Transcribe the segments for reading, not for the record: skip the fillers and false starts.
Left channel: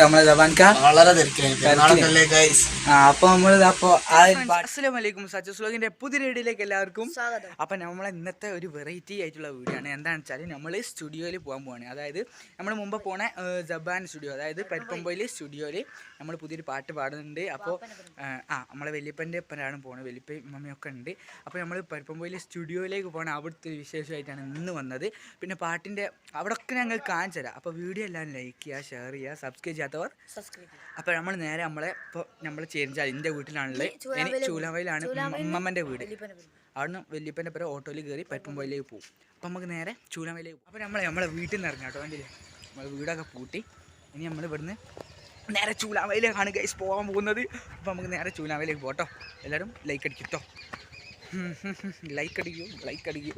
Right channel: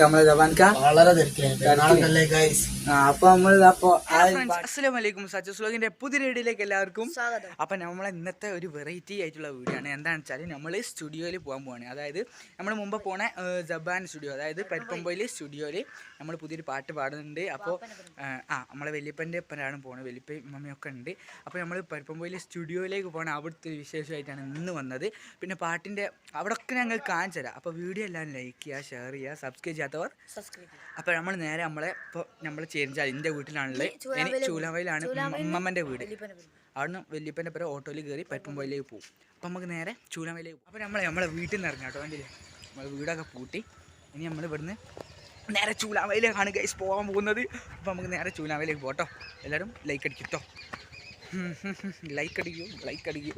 നമ്മളെ ജവാൻക അസ്സലാമലൈക്കും സച്ചു സ്ലോഗിന്റെ പുതിയ വീഡിയോയിലേക്ക് എല്ലാവർക്കും സ്വാഗതം. അപ്പം നമ്മളെ ഇന്നത്തെ ഒരു വെറൈറ്റി ആയിട്ടുള്ള വീഡിയോ ആണ്. എന്താണെന്ന് വെച്ചാൽ നമ്മൾ സ്റ്റുഡിയോയിൽ പോകാൻ പോവാണ്. അതായത് നമ്മൾ മുമ്പ് പോണ ജബാൻ സ്റ്റുഡിയോ, അതായത് പരിപ്പമ്പൊയിൽ സ്റ്റുഡിയോയിൽ നമ്മൾ പുതിയൊരു പാട്ട് പാടുന്നുണ്ട്. അപ്പോൾ നമ്മളെ വലിയപ്പൻ്റെ ഒപ്പനാണ് പോകുന്നത്. വലിയപ്പയും മമ്മിയൊക്കെ ഉണ്ട്. അപ്പോൾ നമ്മൾ പരിപ്പമ്പൊയിൽ സ്റ്റുഡിയോയിലേക്ക് പോകണം. അവിടുത്തെ ഒരു വിശേഷമായിട്ടാണ് ഇന്ന് വന്നത്. പിന്നെ പാട്ടിൻ്റെ അവിടെയൊക്കെ ഞങ്ങൾ കാണിച്ചു തരാം. അപ്പോൾ വീഡിയോ എല്ലാം ലൈക്ക് ചെയ്യുക, ഷെയർ ചെയ്യുക, സബ്സ്ക്രൈബ് ചെയ്യാത്തവർ അപ്പോൾ നമ്മൾ നേരെ നമ്മൾ ചേരിച്ചാൽ എൻ്റെ വീട്ടിലാണുള്ളത്. ചൂലാവയിലാണ് ഉമ്മമ്മൻ്റെ വീട്. അവിടുന്ന് വലിയപ്പൻ്റെ പേര് ഓട്ടോയിൽ കയറി പരിപ്പമ്പൊയിലേക്ക് പോകും. അപ്പോൾ നമുക്ക് നേരെ ചൂലാവയിലേക്ക് പോകും. അപ്പോൾ നമ്മളെ വീട്ടിൽ നിന്ന് ഇറങ്ങാം കേട്ടോ. കണ്ടില്ലേ, നമ്മൾ വീടൊക്കെ പൂട്ടി ഇനി നമ്മൾ ഇവിടുന്ന് നേരെ ചൂലാവയിലേക്കാണ് ഗൈസ് പോകാൻ പോകുന്നത്. അപ്പോൾ നമുക്ക് നേരെ ചൂലാവയിലേക്ക് പോകട്ടോ. എല്ലാവരും ലൈക്ക് അടിക്കും കേട്ടോ. ലൈക്ക് അടിക്കും.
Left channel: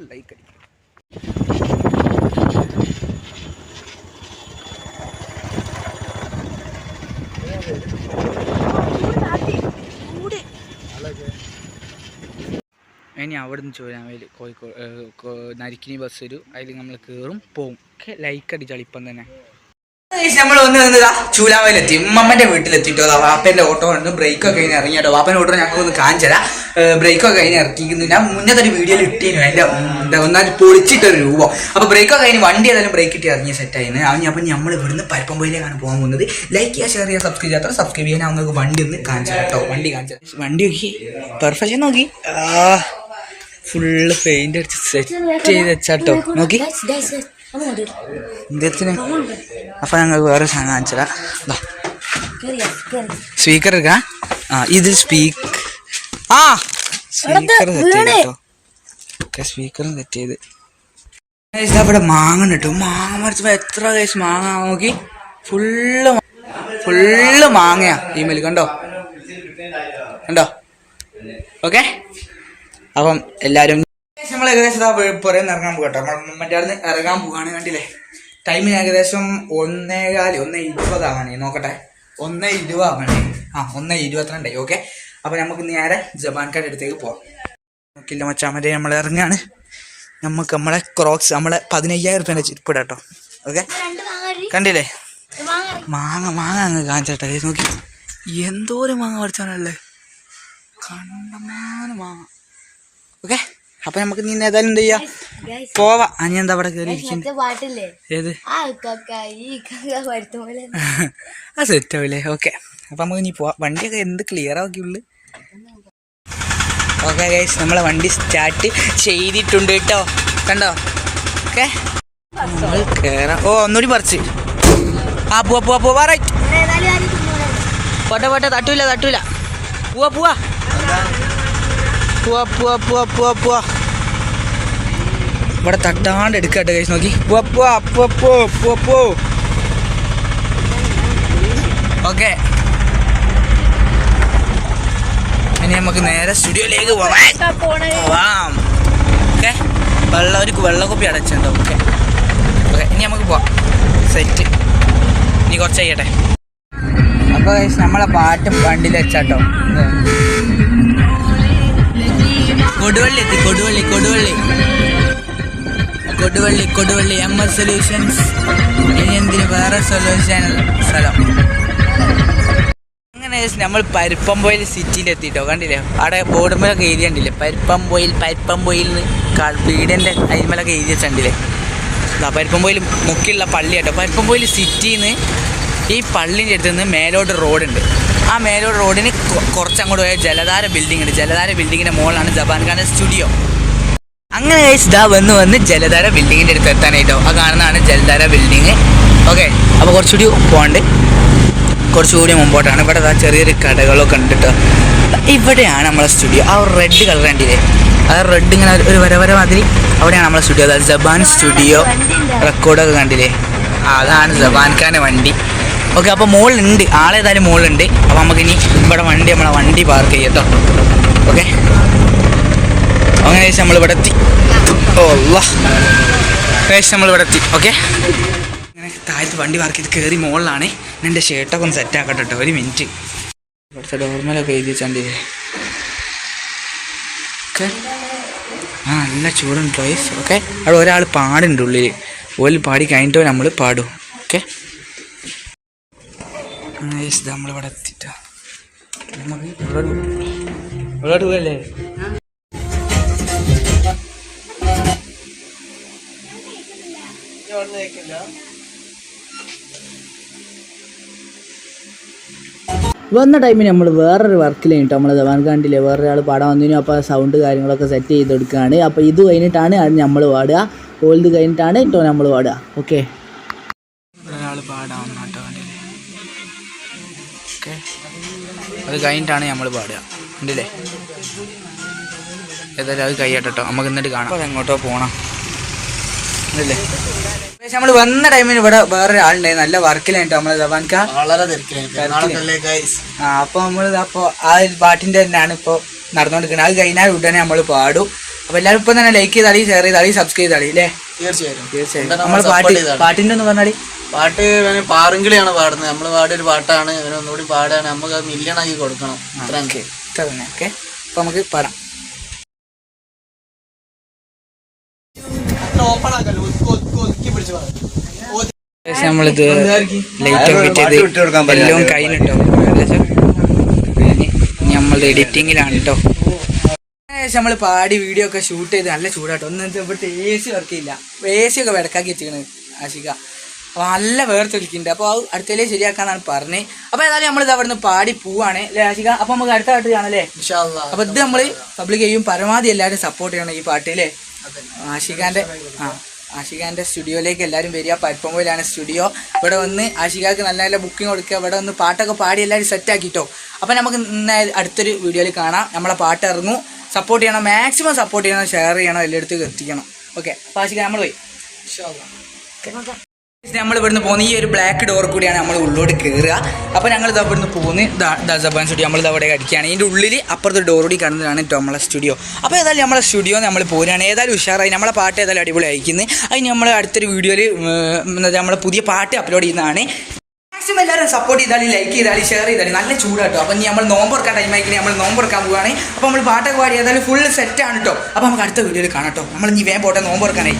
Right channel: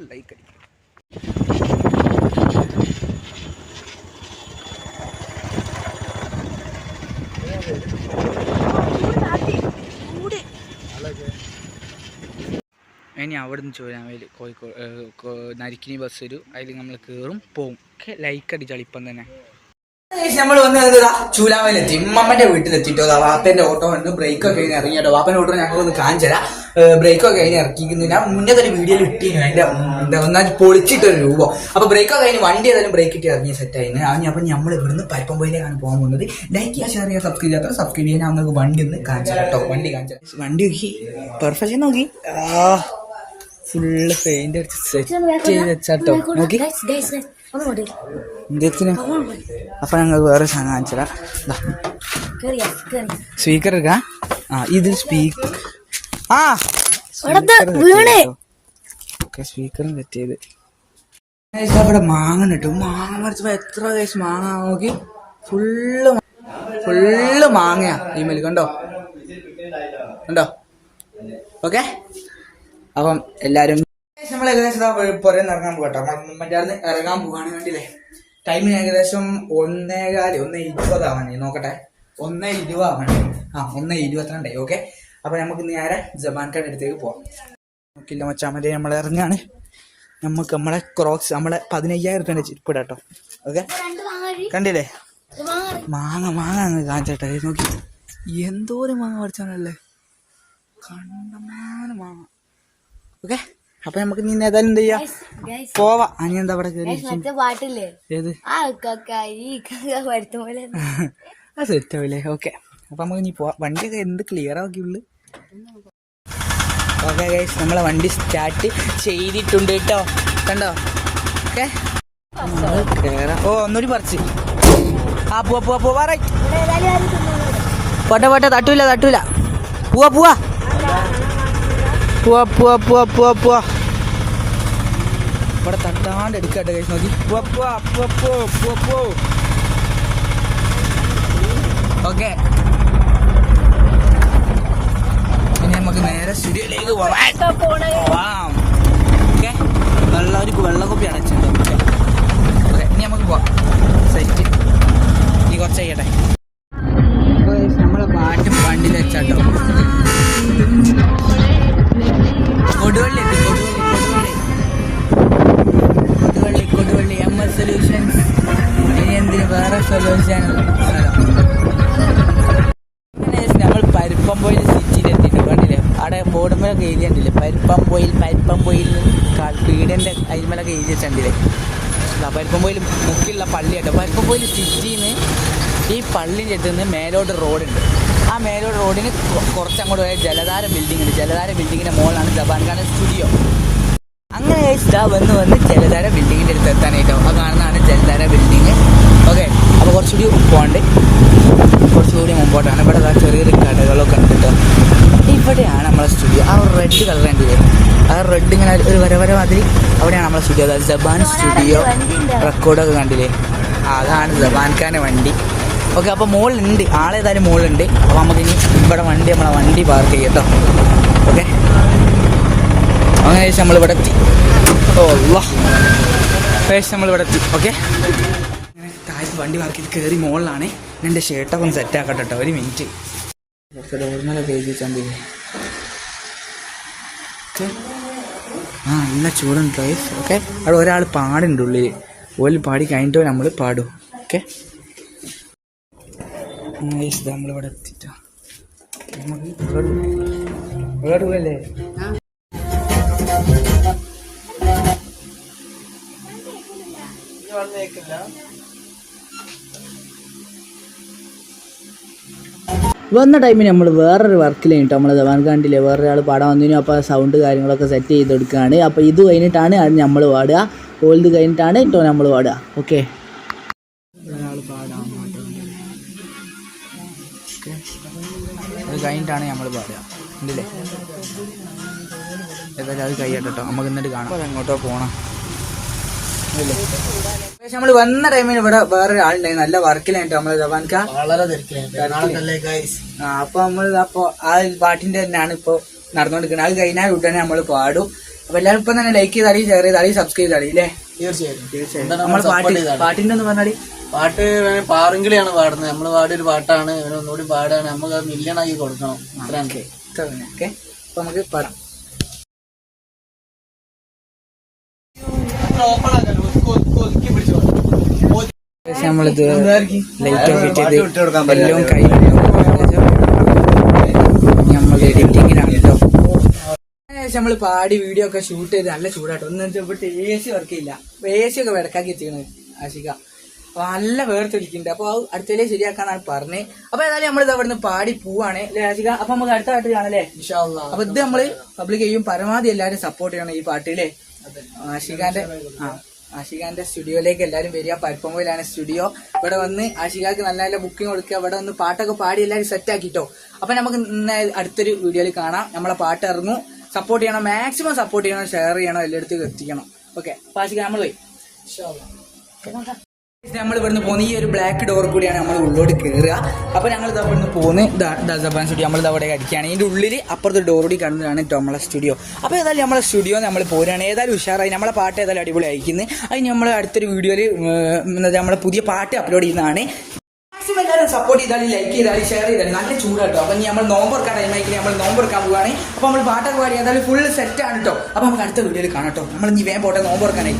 ഇനി അവിടെ നിന്ന് ചൂലാവയിൽ കോഴിക്കോട് നരിക്കിനി ബസ് വരും. അതിൽ നമ്മൾ കയറും പോവും. ലൈക്ക് അടിച്ചാൽ ഇപ്പം തന്നെ നമ്മൾ വന്നതാ ചൂലാവയിലെത്തി. ഉമ്മമ്മന്റെ വീട്ടിലെത്തിട്ടോ. വാപ്പന്റെ ഓട്ടോ ഉണ്ട്. ബ്രേക്കൊക്കെ കഴിഞ്ഞ് ഇറങ്ങിട്ടോ. വാപ്പന്റെ ഓട്ടോ ഞങ്ങൾ ഒന്ന് കാണിച്ചതാ. ബ്രേക്കൊക്കെ കഴിഞ്ഞ് ഇറക്കിക്കുന്നു. ഞാൻ മുന്നത്തെ ഒരു വീഡിയോയിൽ ഇട്ടിരുന്നു. എൻ്റെ ഒന്നാമത് പൊളിച്ചിട്ടൊരു രൂപം. അപ്പോൾ ബ്രേക്കൊക്കെ കഴിഞ്ഞ് വണ്ടി ഏതായാലും ബ്രേക്ക് ഇട്ട് ഇറങ്ങിയ സെറ്റായിരുന്നു. അപ്പം നമ്മൾ ഇവിടുന്ന് പരിപ്പമ്പൊയിലേക്കാണ് പോകാൻ പോകുന്നത്. ലൈക്ക് ചെയ്യുക, ഷെയർ ചെയ്യുക, സബ്സ്ക്രൈബ് ചെയ്യാത്ത സബ്സ്ക്രൈബ് ചെയ്യാൻ നമുക്ക് വണ്ടി ഒന്ന് കാണിച്ചു കേട്ടോ. വണ്ടി നോക്കി പെർഫെക്ഷൻ നോക്കി. ഫുള്ള് പെയിന്റ് അടിച്ച് സെറ്റ് ചെയ്ത് വെച്ചാട്ടോ. നോക്കി ഇങ്ങനത്തിന്. അപ്പം ഞങ്ങൾക്ക് വേറെ സാധനം കാണിച്ചതാ. സ്പീക്കർ എടുക്കാം. ഇത് സ്പീക്കർ സെറ്റ് ചെയ്ത് അവിടെ മാങ്ങ കിട്ടും. മാങ്ങ മറിച്ചപ്പോ എത്ര കേസ് മാങ്ങ നോക്കി. ഫുള്ള് മാങ്ങയാ ഈ മേല്. കണ്ടോ ഓക്കെ. അപ്പം എല്ലാരും നമ്മൾ ഏകദേശം പുറത്ത് ഇറങ്ങാൻ പോകട്ടോ. മറ്റേ ഇറങ്ങാൻ പോവാണ്. കണ്ടില്ലേ, ടൈമിന് ഏകദേശം 1:20 നോക്കട്ടെ. 1:20 1:22. ഓക്കെ. അപ്പം നമുക്ക് നേരെ ജബാൻഖാൻ്റെ അടുത്തേക്ക് പോവാം. നോക്കില്ല മച്ചാമരെ, നമ്മൾ ഇറങ്ങാണ്. നമുക്ക് നമ്മളെ ക്രോക്സ്, നമ്മളെ 15,000 റുപ്യേൻ്റെ ചിരിപ്പിടാട്ടോ. ഓക്കെ. കണ്ടില്ലേ മാങ്ങ അങ്ങ് കാണിച്ചട്ടെ. നോക്കി എന്തോരം മാങ്ങ പറിച്ചാണല്ലേ. കണ്ടമാനം മാങ്ങ. ഓക്കെ. അപ്പൊ നമുക്ക് നീ ഏതായാലും എന്ത് ചെയ്യാ, പോവാ. അനി എന്താ അവിടെ കയറി ഇരിക്കുന്നത്? ഏത് ആ സെറ്റ് ആവില്ലേ. ഓക്കെ. അപ്പൊ നമുക്ക് നീ പോവാ. വണ്ടിയൊക്കെ എന്ത് ക്ലിയർ ആക്കിയുള്ളു. ഓക്കെ ഗൈസ്, നമ്മളെ വണ്ടി സ്റ്റാർട്ട് ചെയ്തിട്ടുണ്ട് കേട്ടോ. കണ്ടോ? ഓക്കെ, നമ്മൾ കേറാം. ഒന്നുകൂടി പറിച്ച് പോവാ. റൈറ്റ്. പോട്ടെ തട്ടൂല. പോവാ. ഇവിടെ തട്ടാണ്ട് എടുക്കട്ടെ ഗൈസ്. നോക്കി പോ. ഓക്കെ. ഇനി നമുക്ക് നേരെ സ്റ്റുഡിയോയിലേക്ക് പോവാം. ഓക്കെ. വെള്ളക്കുപ്പി അടച്ചിട്ടുണ്ടോ? ഓക്കെ. ഇനി നമുക്ക് പോവാം. സെറ്റ്. ഇനി കുറച്ച് ചെയ്യട്ടെ. അപ്പോൾ ഗൈസ് നമ്മളെ പാട്ടും വണ്ടിയിൽ വെച്ചാട്ടോ. Koduvally MS solutions. ഇനി എന്തിന് വേറെ സൊല്യൂഷൻ സ്ഥലം. അങ്ങനെ നമ്മൾ പരിപ്പമ്പൊയിൽ സിറ്റിയിൽ എത്തിയിട്ടോ. കണ്ടില്ലേ, അവിടെ ബോർഡുമേലൊക്കെ എഴുതി കണ്ടില്ലേ, പരിപ്പമ്പൊയിൽ വീടിൻ്റെ അരിമലൊക്കെ എഴുതി വെച്ചിട്ടില്ലേ. പരിപ്പമ്പൊയിൽ മുക്കിലുള്ള പള്ളി കേട്ടോ. പരിപ്പമ്പൊയിൽ സിറ്റിയിൽ നിന്ന് ഈ പള്ളിൻ്റെ അടുത്ത് നിന്ന് മേലോട്ട് റോഡുണ്ട്. ആ മേലോട്ട് റോഡിന് കുറച്ചങ്ങോട്ട് പോയാൽ ജലധാര ബിൽഡിംഗ് ഉണ്ട്. ജലധാര ബിൽഡിങ്ങിൻ്റെ മുകളിലാണ് ജബാൻഖാൻ്റെ സ്റ്റുഡിയോ. അങ്ങനെ വന്ന് ജലധാര ബിൽഡിങ്ങിൻ്റെ അടുത്ത് എത്താനായിട്ടോ. ആ കാണുന്നതാണ് ജലധാര ബിൽഡിങ്. ഓക്കെ. അപ്പോൾ കുറച്ചുകൂടി മുമ്പോട്ടാണ്. ഇവിടെ ചെറിയൊരു കടകളൊക്കെ ഉണ്ട് കേട്ടോ. ഇവിടെയാണ് നമ്മളെ സ്റ്റുഡിയോ. ആ റെഡ് കളർ കണ്ടില്ലേ, ആ റെഡ് ഇങ്ങനെ ഒരു വര മാതിരി, അവിടെയാണ് നമ്മളെ സ്റ്റുഡിയോ. അതായത് ജബാൻ സ്റ്റുഡിയോ. റെക്കോർഡൊക്കെ കണ്ടില്ലേ, അതാണ് ജബാൻഖാൻ്റെ വണ്ടി. ഓക്കെ. അപ്പോൾ മുകളിലുണ്ട്, ആളേതായാലും മുകളിലുണ്ട്. അപ്പോൾ നമുക്കിനി ഇവിടെ നമ്മളെ വണ്ടി പാർക്ക് ചെയ്യാം കേട്ടോ. ഓക്കെ. അങ്ങനെ നമ്മളിവിടെ എത്തി. നമ്മളിവിടെ എത്തി. ഓക്കെ. അങ്ങനെ താഴത്ത് വണ്ടി പാർക്ക് ചെയ്ത് കയറി മുകളിലാണ്. എൻ്റെ ഷർട്ടൊക്കെ ഒന്ന് സെറ്റാക്കട്ടെ കേട്ടോ. ഒരു മിനിറ്റ്. ഇവിടുത്തെ നോർമലൊക്കെ എഴുതി വെച്ചാണ്ടില്ലേ. ഓക്കെ. നല്ല ചൂടുണ്ട് പ്ലേസ്. ഓക്കെ. അവിടെ ഒരാൾ പാടുണ്ട് ഉള്ളിൽ. ഓല് പാടി കഴിഞ്ഞിട്ടോ നമ്മൾ പാടും. ഓക്കെ. നമ്മളിവിടെ എത്തിട്ടോ നമുക്ക് ഇവിടെ പോവല്ലേ വന്ന ടൈമിൽ നമ്മൾ വേറൊരു വർക്കിലാണ് കേട്ടോ നമ്മൾ ദവാൻഖാണ്ടിലെ വേറൊരാൾ പാടാൻ വന്നിരുന്നു. അപ്പോൾ സൗണ്ട് കാര്യങ്ങളൊക്കെ സെറ്റ് ചെയ്ത് കൊടുക്കുകയാണ്. അപ്പോൾ ഇത് കഴിഞ്ഞിട്ടാണ് അത് നമ്മൾ പാടുക, ഓൾത് കഴിഞ്ഞിട്ടാണ് കേട്ടോ നമ്മൾ പാടുക. ഓക്കെ, ഒരാൾ പാടാൻ കേട്ടോ കണ്ടില്ലേ? ഓക്കെ, അത് കഴിഞ്ഞിട്ടാണ് നമ്മൾ പാടുക കണ്ടില്ലേ? ഏതായാലും അത് കഴിയട്ടോ, നമുക്ക് എന്നിട്ട് കാണാം. അപ്പോൾ എങ്ങോട്ടോ പോകണം കണ്ടില്ലേ? നമ്മൾ വന്ന ടൈമിന് ഇവിടെ വേറെ ആളുണ്ടായി, നല്ല വർക്കിലായിട്ടോ നമ്മളെ ദവാൻക. അപ്പൊ നമ്മൾ അപ്പൊ ആ പാട്ടിന്റെ തന്നെയാണ് ഇപ്പൊ നടന്നുകൊണ്ടിരിക്കുന്നത്. അത് കഴിഞ്ഞാൽ ഉടനെ നമ്മൾ പാടും. അപ്പൊ എല്ലാവരും ഇപ്പൊ തന്നെ ലൈക്ക് ചെയ്താളി, ഷെയർ ചെയ്താളി, സബ്സ്ക്രൈബ് ചെയ്താളി അല്ലേ? തീർച്ചയായും നമ്മൾ പാട്ടിന്റെ ഒന്ന് പറഞ്ഞാളി. പാട്ട് പാറുങ്കിളിയാണ് പാടുന്നത്, നമ്മൾ പാടിയൊരു പാട്ടാണ്, ഒന്നുകൂടി പാടാണ്, നമുക്ക് അത് മില്യണാക്കി കൊടുക്കണം. ഇത്ര തന്നെ. ഓക്കെ, അപ്പൊ നമുക്ക് പാടാം. നമ്മളിത് എല്ലാം കയ്യിലുണ്ടോ, നമ്മൾ എഡിറ്റിങ്ങിലാണ് കേട്ടോ. ഏകദേശം നമ്മൾ പാടി വീഡിയോ ഒക്കെ ഷൂട്ട് ചെയ്ത് നല്ല ചൂടാട്ടോ. ഒന്നും ഇവിടുത്തെ AC വർക്ക് ചെയ്യില്ല, AC ഒക്കെ വിടക്കാക്കി വെച്ചിരിക്കണത് ആശിക. അപ്പോൾ നല്ല വേർത്തൊലിക്കുന്നുണ്ട്. അപ്പോൾ അത് അടുത്തതിലേ ശരിയാക്കാന്നാണ് പറഞ്ഞത്. അപ്പോൾ ഏതായാലും നമ്മളിത് അവിടെ നിന്ന് പാടി പോവാണ് അല്ലേ ആശിക? അപ്പോൾ നമുക്ക് അടുത്ത പാട്ട് കാണാല്ലേ? അപ്പോൾ ഇത് നമ്മൾ പബ്ലിക് ചെയ്യും, പരമാവധി എല്ലാവരും സപ്പോർട്ട് ചെയ്യണം ഈ പാട്ടില്ലേ. ആഷിഖാൻ്റെ സ്റ്റുഡിയോയിലേക്ക് എല്ലാവരും വരിക. പരിപ്പമ്പോയിലാണ് സ്റ്റുഡിയോ. ഇവിടെ വന്ന് ആഷിഖാക്ക് നല്ല നല്ല ബുക്കിംഗ് കൊടുക്കുക. ഇവിടെ വന്ന് പാട്ടൊക്കെ പാടി എല്ലാവരും സെറ്റാക്കിട്ടോ. അപ്പോൾ നമുക്ക് അടുത്തൊരു വീഡിയോയിൽ കാണാം. നമ്മളെ പാട്ട് ഇറങ്ങും. സപ്പോർട്ട് ചെയ്യണം, മാക്സിമം സപ്പോർട്ട് ചെയ്യണം, ഷെയർ ചെയ്യണം, എല്ലായിടത്തും എത്തിക്കണം. ഓക്കെ, അപ്പോൾ ആഷിഖ നമ്മൾ പോയി. നമ്മൾ ഇവിടുന്ന് പോകുന്ന ഈ ഒരു ബ്ലാക്ക് ഡോർ കൂടിയാണ് നമ്മൾ ഉള്ളോട്ട് കയറുക. അപ്പോൾ ഞങ്ങൾ ഇതാ ഇവിടുന്ന് പോകുന്ന ദസബാൻ സ്റ്റുഡിയോ നമ്മൾ അവിടെ അടിക്കുകയാണ്. ഇതിൻ്റെ ഉള്ളിൽ അപ്പുറത്ത് ഡോർ കൂടി കാണുന്നതാണ് കേട്ടോ നമ്മളെ സ്റ്റുഡിയോ. അപ്പോൾ ഏതായാലും നമ്മളെ സ്റ്റുഡിയോ നമ്മൾ പോരുകയാണ്. ഏതായാലും ഉഷാറായി, നമ്മളെ പാട്ട് ഏതായാലും അടിപൊളി അയക്കുന്നത്. അതിന് നമ്മൾ അടുത്തൊരു വീഡിയോയിൽ നമ്മളെ പുതിയ പാട്ട് അപ്ലോഡ് ചെയ്യുന്നതാണ്. മാക്സിമം എല്ലാവരും സപ്പോർട്ട് ചെയ്താലും ലൈക്ക് ചെയ്താലും ഷെയർ ചെയ്താലും. നല്ല ചൂടാട്ടോ. അപ്പോൾ ഇനി നമ്മൾ നോമ്പെടുക്കാൻ ടൈം ആയിക്കണേ, നമ്മൾ നോമ്പെടുക്കാൻ പോവുകയാണ്. അപ്പോൾ നമ്മൾ പാട്ടൊക്കെ പാടി ഏതായാലും ഫുൾ സെറ്റാണ് കേട്ടോ. അപ്പോൾ നമുക്ക് അടുത്ത വീഡിയോയിൽ കാണാം കേട്ടോ. നമ്മൾ ഇനി വേഗം പോട്ടെ, നോമ്പെടുക്കാനായി.